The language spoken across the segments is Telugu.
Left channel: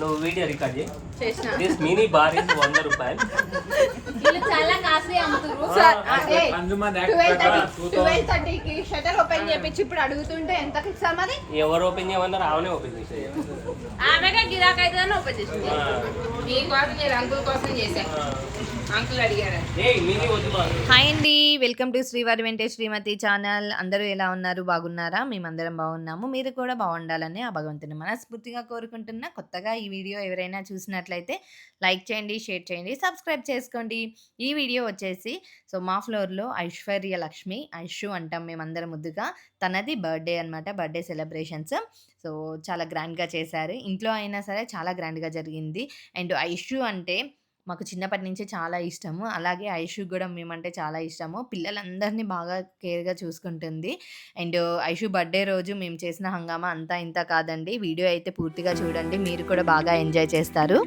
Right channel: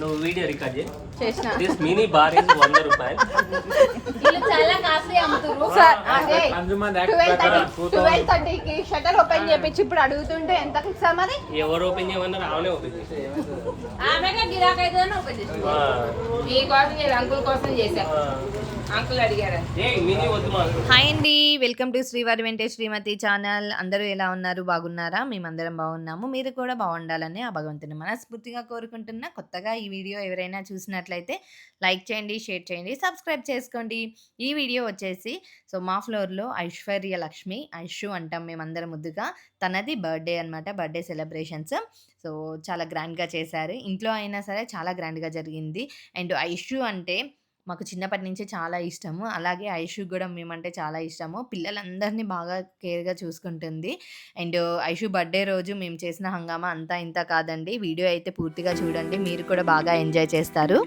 నువ్వు వీడియో రికార్డ్ చేసిన దిస్ మినీ బార్ ఇస్ 100 రూపాయలు. చాలా కాస్ట్లీ అమ్ముతురు. 12:30కి షట్టర్ ఓపెన్ చేపించి ఇప్పుడు అడుగుతుంటే ఎంతకి ఇస్తారు మరి? ఎవరు ఓపెన్ చేయమన్నారు? ఆమెనే ఓపెన్ చేసే. ఆమెగా గిరాక్ అవుతుందని ఓపెన్ చేసి మీ కోసం నేను అంకుల్ కోసం చేశా. అంకుల్ అడిగారు. మినీ వద్దు మాకు. హాయ్ అండి, వెల్కమ్ టు శ్రీవారి వెంటే శ్రీమతి ఛానల్. అందరూ ఎలా ఉన్నారు? బాగున్నారా? మేమందరం బాగున్నాము. మీరు కూడా బాగుండాలని ఆ భగవంతుని మనస్ఫూర్తిగా కోరుకుంటున్నా. కొత్తగా ఈ వీడియో ఎవరైనా చూసినట్లయితే లైక్ చేయండి, షేర్ చేయండి, సబ్స్క్రైబ్ చేసుకోండి. ఈ వీడియో వచ్చేసి మా ఫ్లోర్లో ఐశ్వర్య లక్ష్మి, ఐషు అంటాం మేమందరం ముద్దుగా, తనది బర్త్డే అనమాట. బర్త్డే సెలబ్రేషన్స్ చాలా గ్రాండ్గా చేశారు. ఇంట్లో అయినా సరే చాలా గ్రాండ్గా జరిగింది. అండ్ ఐషు అంటే మాకు చిన్నప్పటి నుంచి చాలా ఇష్టము. అలాగే ఐషు కూడా మేమంటే చాలా ఇష్టము. పిల్లలందరినీ బాగా కేర్గా చూసుకుంటుంది. అండ్ ఐషు బర్త్డే రోజు మేము చేసిన హంగామా అంతా ఇంత కాదండి. వీడియో అయితే పూర్తిగా చూడండి, మీరు కూడా బాగా ఎంజాయ్ చేస్తారు.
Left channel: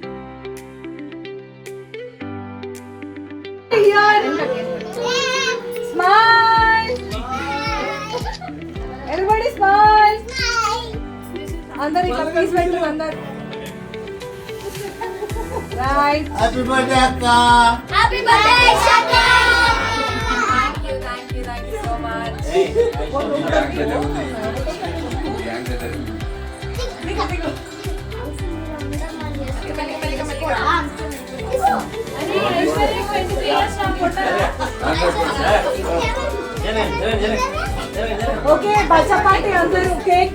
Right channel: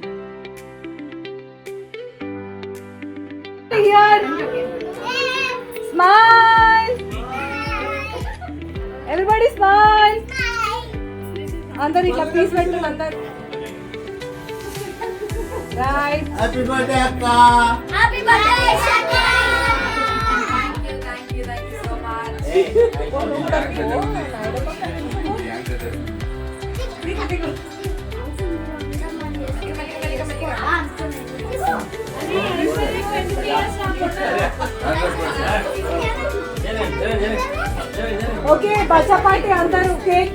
Right. Happy birthday, Akka. Happy birthday, Shaka. Thank you so much. Okay, Bachcha party అందరూ కేక్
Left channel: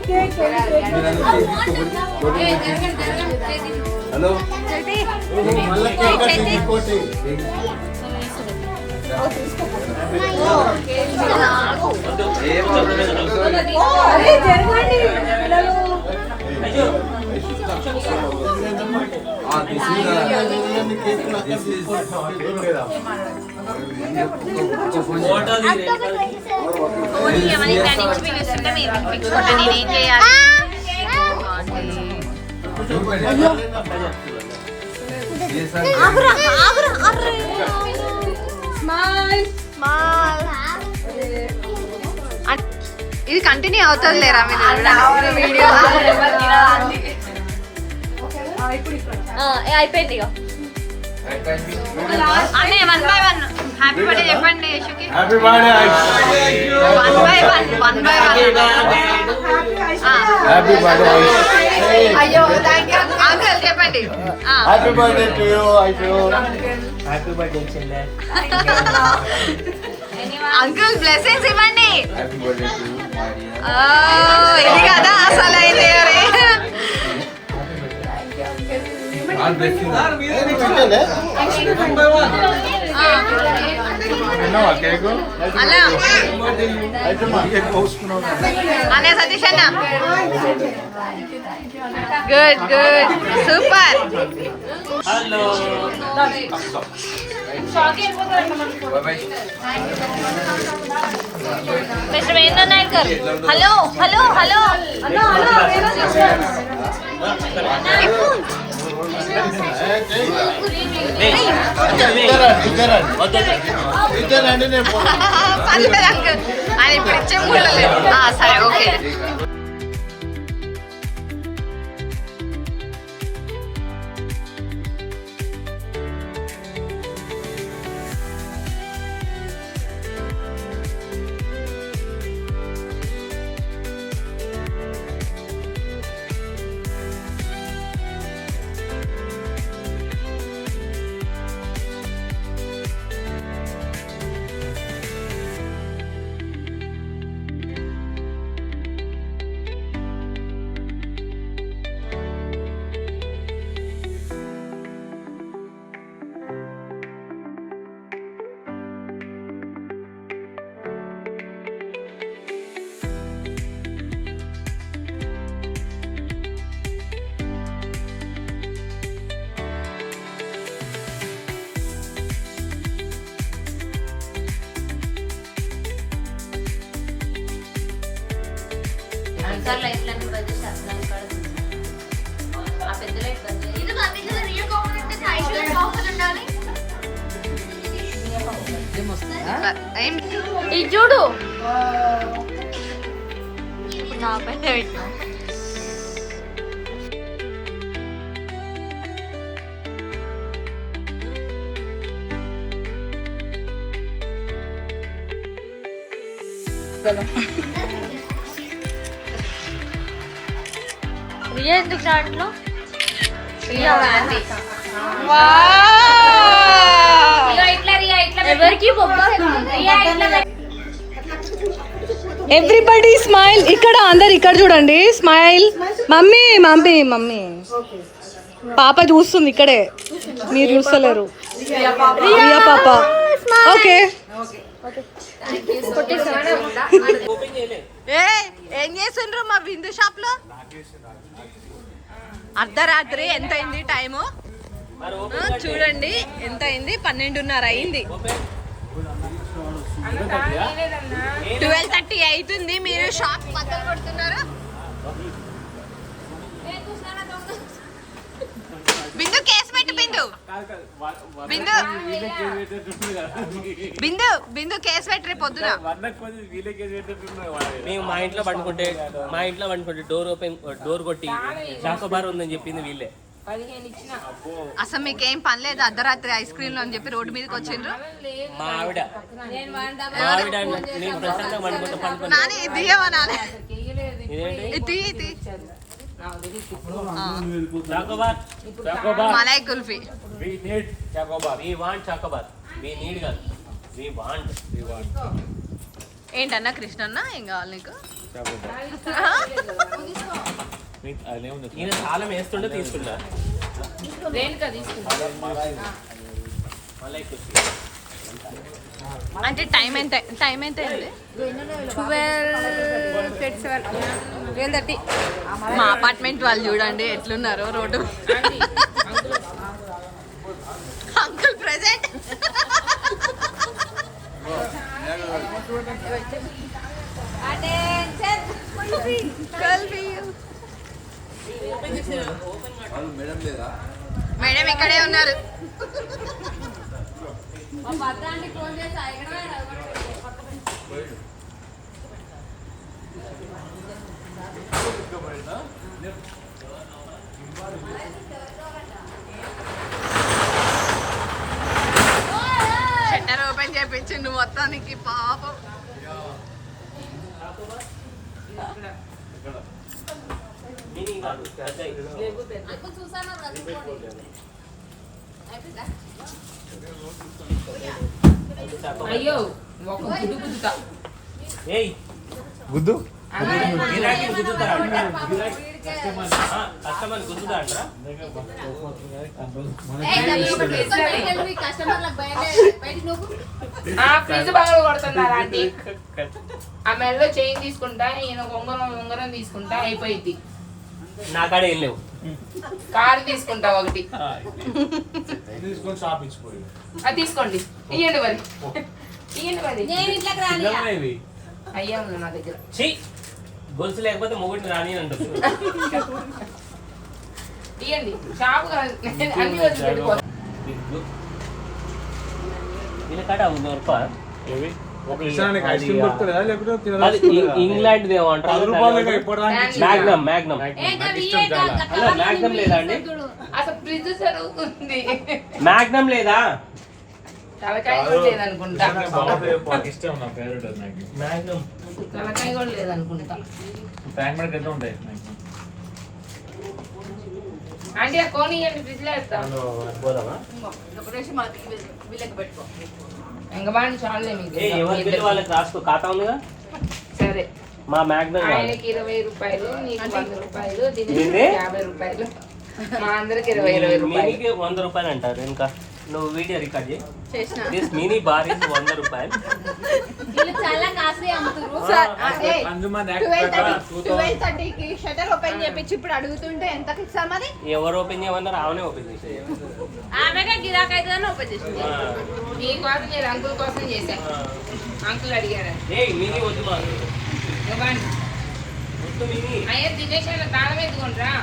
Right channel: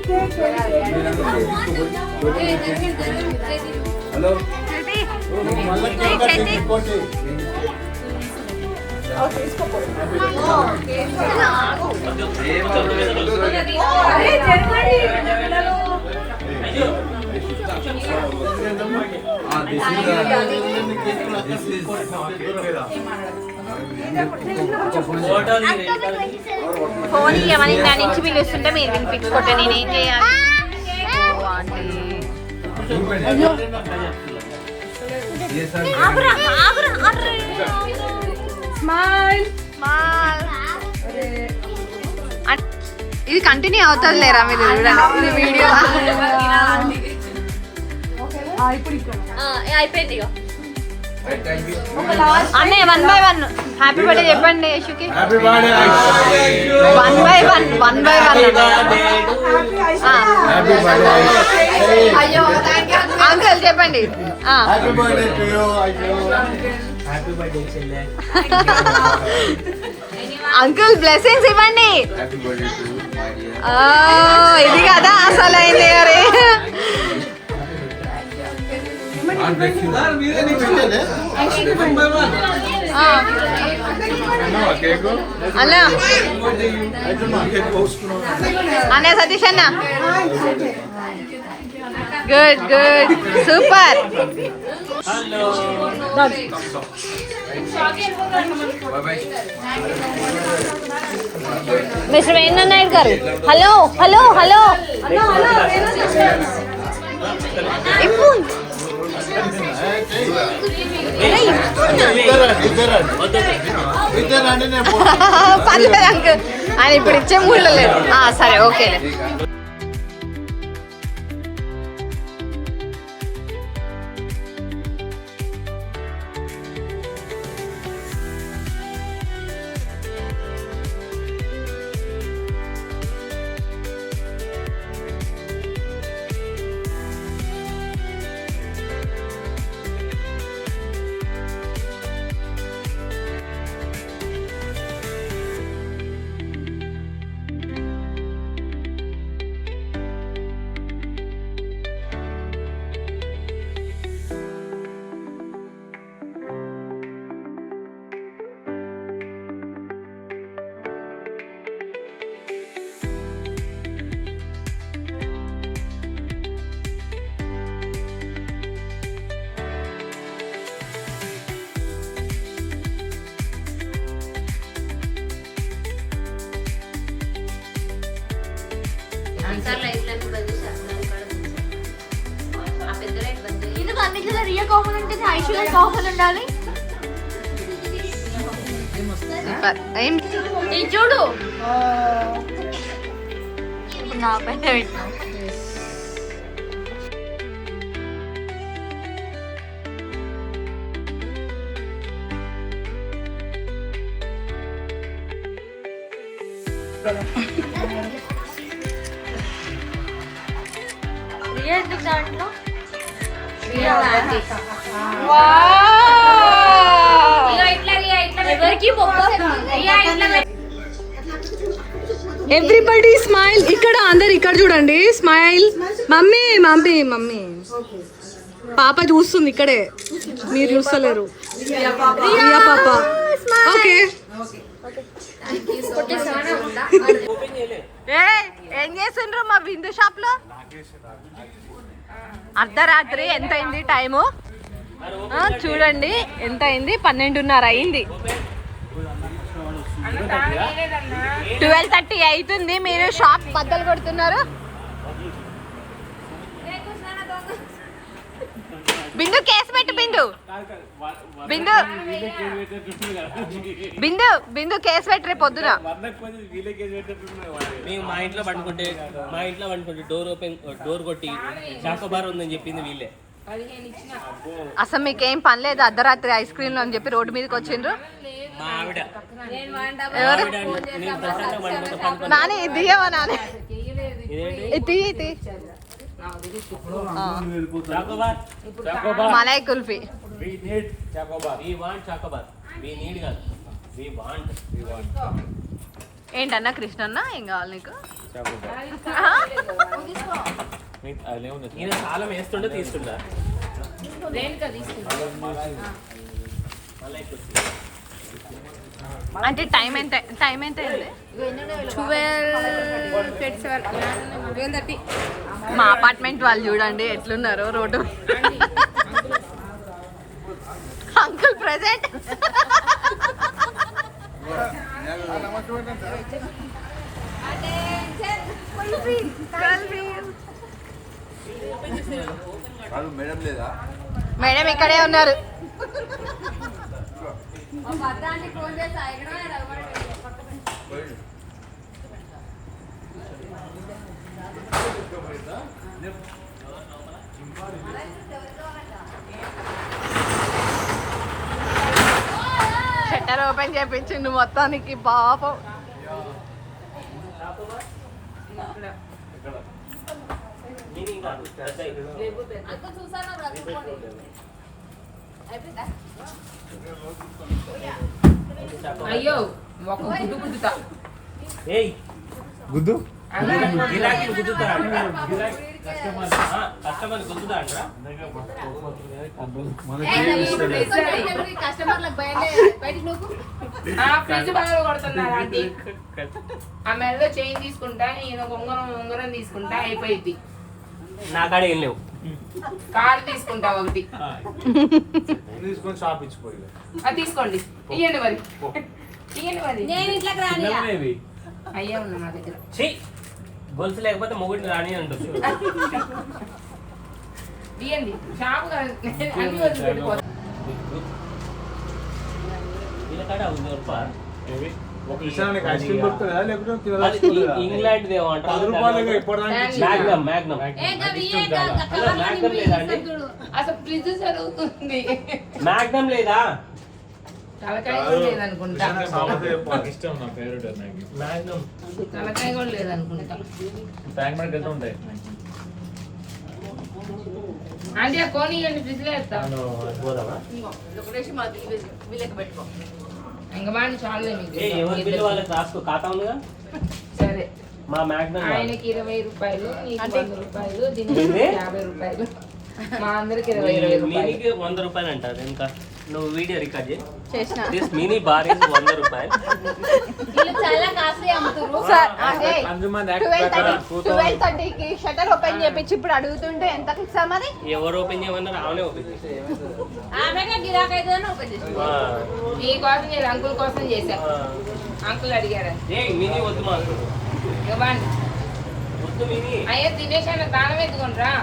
హలో ఫోన్ ఏమని పిలుస్తుంటే మీరు వినిపించుకోండి. ఏం చేయాలి? ఇది కంటిన్యూ అవుతుంది లేరా? మీరు చూడండి, ఇది వీడియో అయిపోయింది. అన్నయ్య 1 by 1 హ్యాపీ బర్త్డే చెప్పండి యశుకి. 1 by 1 అయ్యో థ్యాంక్ యూ అంకుల్ చెప్పండి. Happy birthday to you. Happy birthday చెల్లె. అంకుల్ బ్లెస్సింగ్స్ ఇవ్వండి. Happy birthday to you. ఇది కదా అసలు అయింది. అరే అన్నా అన్న సతీష్ అన్న good good super. Hello mister Venu Naidu గారు, హలో హలో హలో. పర్లేదు అంకుల్, ఆయన ఇప్పుడు ఇచ్చే మూడ్లో లేదు. సరే ఓకే. చూడు నా పైన తీసుకెళ్ళు. రియా ఎందుకు దాంట్లో రియా వాళ్ళ ఆంటీ. ఇగో ఇట్లా రియా ఇట్లా ఎవరికి రియా ఇట్లా ఎవ్రీబడి స్మైల్. ఇక్కడ అందరు ఇక్కడ చూడండి, స్మైల్. మమ్మీ మమ్మీ మమ్మీ పాప చూస్తుంది ఇక్కడే, మీరు చూస్తలేరు. రియా పాప. ఓకే. ఏం చేస్తుండ్రు మా బిందు షాప్ లో? అర్ధరాత్రి ఎంత అయింది టైము చూడండి, ఎంత అయింది? 12:30 అయింది. 12:30 అవుతుంది. మీరు షాప్ బద్దలు కొడుతున్నారు. బిందు కేసు పెట్టు. బిందు బిందు బిందు బిందు కేసు పెట్టి రేపు పొద్దున. మేము మా ఇంట్లో పండుకుంటే డోర్ కొట్టి చాకోబార్ ఉందని చెప్పింది వీళ్ళే. 15 ఇచ్చిన. అసలు మీకేం పని లేదు, అర్ధరాత్రి ఐస్ క్రీమ్ అని చెప్పి రోడ్డు మీదకి వచ్చిండ్రు. మా ఆవిడ నేను వంట నేను ప్రశాంతంగా పండుకుంటే పండుకున్నా. నాని ఇది తీయవా? నాని ఇదేంటి? ఇది ఇది Choco Bar. Malai kulfi. We need Choco Bar. We want Choco Bar. We need కాదు. We want. ఏంటన్నా కృష్ణన్న, ఏం కావాలి నీకు? ఈయన తాళం వేస్తుండే తీసుకుంటా. రేణుక తీసుకున్నా. అంటే టైం ఎంత అయింది? 12:30. మా అపార్ట్మెంట్ వాళ్ళు చూడండి ఎట్లున్నారు రోడ్డు. Uncle present. మేడం ఇక్కడే ఉన్నారు. షట్టర్ ఓపెన్ చేయించిండు మొత్తానికి పాపం. అయ్యో ఒక గుడ్డు గుద్దుతా. ఏయ్ గుద్దు. గిరాకీ గుద్దుతారా? కస్టమర్ గుద్దుతా అంటారా? ఫ్రిడ్జ్ బాగా కొడుతున్నారు ఆంటీ. ఆ మెల్లో చైన్ తీసుకుంటా, ఈయన ఉంగరం తీసుకుంటా, అయిపోయింది. నా కాడ ఏం లేవు. కారు తీసుకుంటా ఒకటి. అది తీసుకోండి, ఇయ్యండి మరి. అయ్యా ఉంది నా దగ్గర. ఛీ, గొలుసు లేకపోతే మొగుడిని రాని అంటారు. ఇయ్యండి, షాపు అన్ని వదిలిపెట్టుకో. వీళ్ళ కాడ రూపాయలు ఇంగ్లాండ్ ఇంగ్లాండ్ మ్యాగ్నమ్ లేదండి. అసలు ఫ్రిడ్జ్ జరుగుతుంది. మ్యాగ్నమ్ లేదా? తలకాయ కూడా లేదనుకుంటా. మ్యాగ్నమ్ తలకాయ కూడా లేదనుకుంటా. అంటే ఆ కోని ఇవ్వండి, ఫ్రిడ్జ్ లో వేస్తాను. వీళ్ళకి పెట్టుకో. ఇంకా బాగా చాలులే మీకు. ఎవరి బిల్లు వాళ్ళకి రాసుకో, ఖాతా ఉందిగా. సరే, మా మ్యాగ్నమ్ ఆయనకి 20 రూపాయలు, నీకు 100 రూపాయలు, దీనికి 50 రూపాయలు, మా అందరికి 20 రూపాయలు. మినీకి 100 రూపాయలు అంటారు. ఇంకా నువ్వు వీడియో రికార్డ్ చేసిన చేసి మినీ బార్ ఇస్ 100 రూపాయలు. చాలా కాస్ట్లీ అమ్ముతున్నారు. 12:30కి షటర్ ఓపెన్ చేపించి ఇప్పుడు అడుగుతుంటే ఎంతకి ఇస్తాం మరి? ఎవరు ఓపెన్ చేయమన్నారు? ఆమెనే ఓపెన్ చేసే. ఆమెగా గిరాక్ అవుతుందని ఓపెన్ చేసింది. మీకోసం నేను అంకుల్ కోసం చేశా. అంకుల్ అడిగారు. మినీ వద్దు మాకు, ఇవ్వండి. వద్దు మినీ. అయ్యో దినేష్ అన్న తాళం ఎత్తుకుంటారా?